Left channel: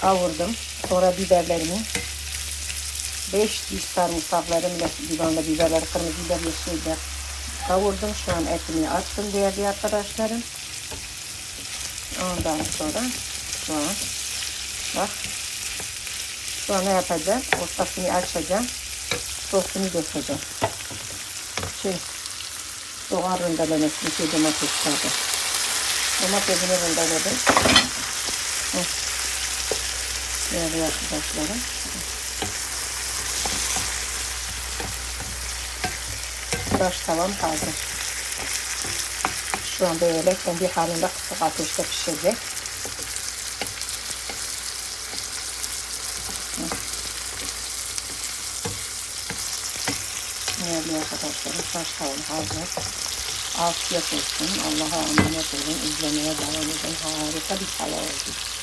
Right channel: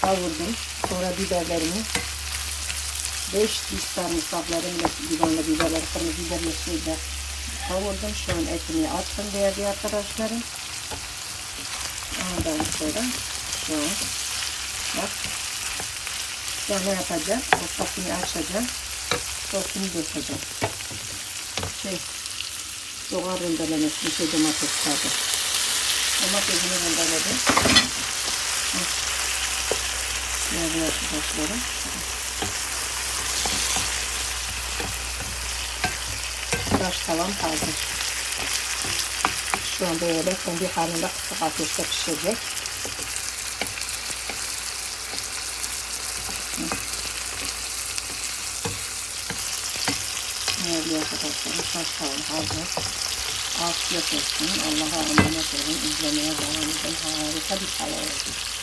kavurdum. Sonra biberlerimi 5 diş sarımsaklarımla biberle biberler, kırmızı biber, yeşil biber kavurdum. Şu an etimi attım değerli arkadaşlarım. Ondan sonra şu an bak şu an ne yapacağım? Ortasını açacağım. Sosunu dökeceğim. Şey, soğan rendelemiştim. Şey domates tadı. Domatesini rendeledim. Değerli arkadaşlarım. Tıraş tavam hazır. Şu an böyle kendi halinde kısık ateşte pişecek. Değerli arkadaşlarım tıraş tavam hazır. Afiyet olsun. Allah'a emanet olun. İzlemeye devam edin. Harika bir tava oldu.